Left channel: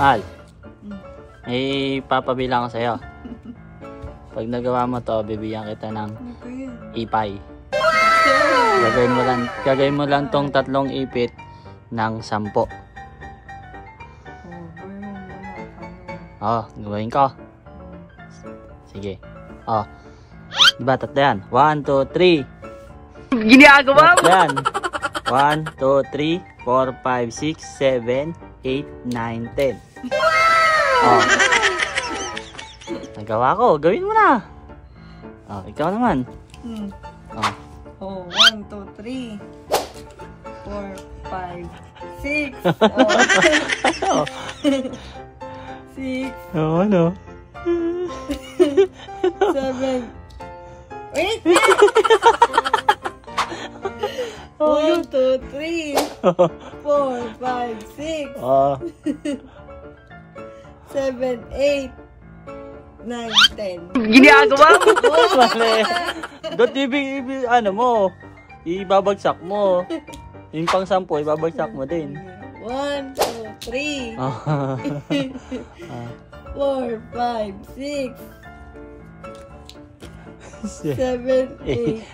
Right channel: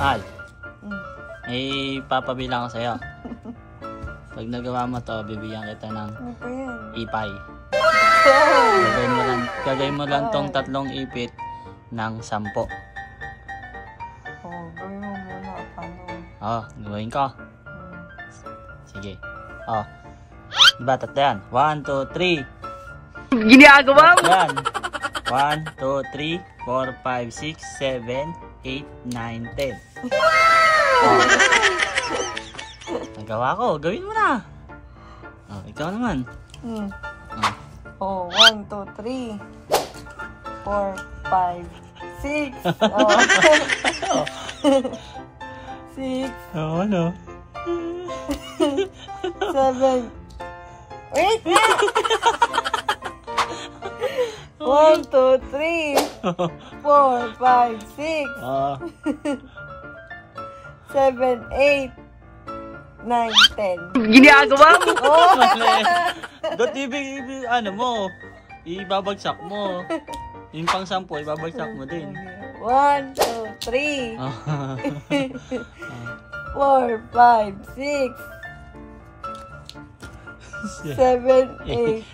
Ay, may papabilang ko sa'yo. Pag nagawa mo to, bibigyan kita ng ipay. Gagawin mo lang tong tatlong ipit ng 10. Gawin mo muna. Gawin ko. Sige. Diba, tatlo yan? 1, 2, 3. Ginagawa mo? Yan. 1, 2, 3, 4, 5, 6, 7, 8, 9, 10. Nagawa ko. Gawin mo na. Ikaw naman. 1, 2, 3, 4, 5, 6. 6. Ano? 7. Wait! 1, 2, 3, 4, 5, 6, 7, 8, 9, 10. Ginagawa mo? Dot ano mo, ibabagsak mo. Yung pang 10, ibabagsak mo din. 1, 2, 3, 4, 5, 6, 7, 8.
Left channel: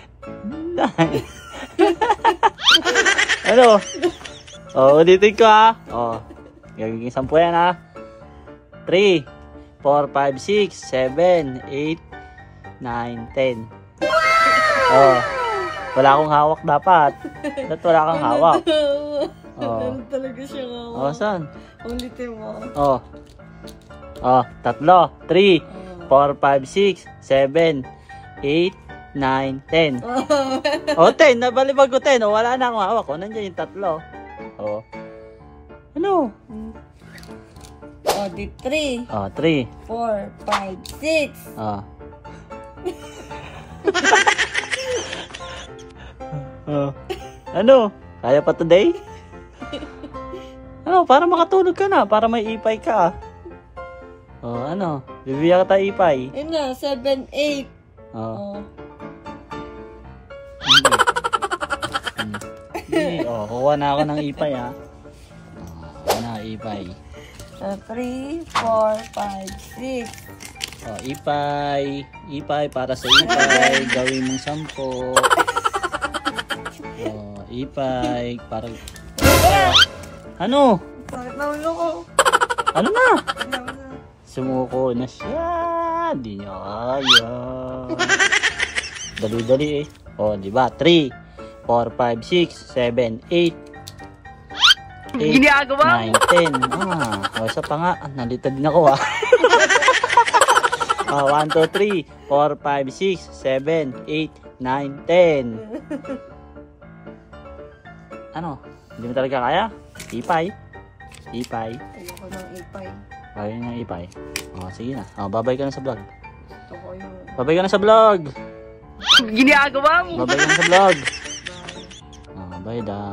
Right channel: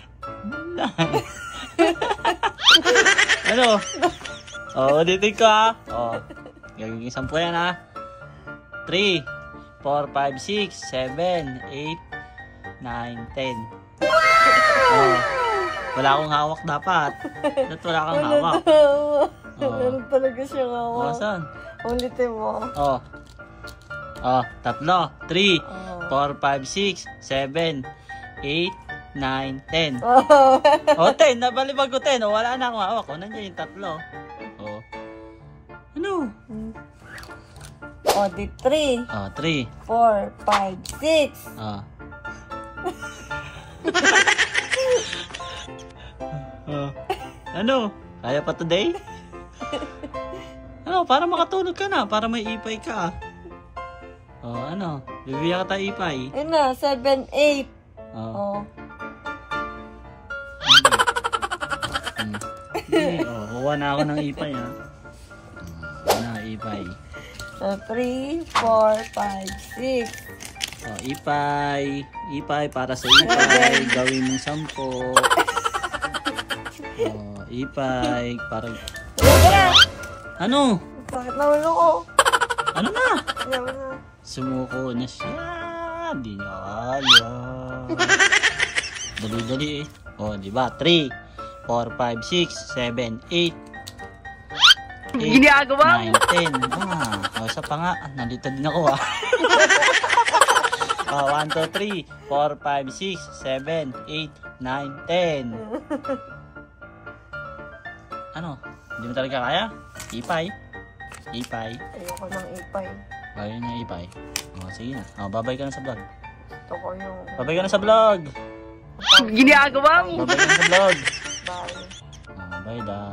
Ano? Ulitin ko ha. Gagawin 10 yan ha. 3, 4, 5, 6, 7, 8, 9, 10. Wala akong hawak dapat. Dapat wala kang hawak. Meron talaga siyang hawak. Saan? Ulitin mo. 3, 4, 5, 6, 7, 8, 9, 10. 10. Nabalibag ko 10. Wala na akong hawak. Nandiyan yung 3. Ano? Di 3. 3. 4, 5, 6. Ano? Kaya pa today? Para makatulog ka na. Para may ipay ka. Ano? Bibigyan ka tayo ipay. Ayun na, 7, 8. Kuha na ako ng ipay ha. Ipay. 3, 4, 5, 6. Ipay. Ipay para sa ipay. Gawin mong 10. Ipay para... Ano? Sakit na ulo ko. Ano na? Ayaw na. Sumuko na siya. Di niya kaya. Dali-dali eh. Diba? 3, 4, 5, 6, 7, 8. Ginagawa mo? 9, 10. Isa pa nga. Nalito din ako ha. 1, 2, 3, 4, 5, 6, 7, 8, 9, 10. Ano? Hindi mo talaga kaya? Ipay? Ayoko ng ipay. Ayaw ng ipay? Sige na. Babay ka na sa vlog. Gusto ko yung... Babay ka na sa vlog. Ginagawa mo? Babay ka na sa vlog. Bye. Bye, da.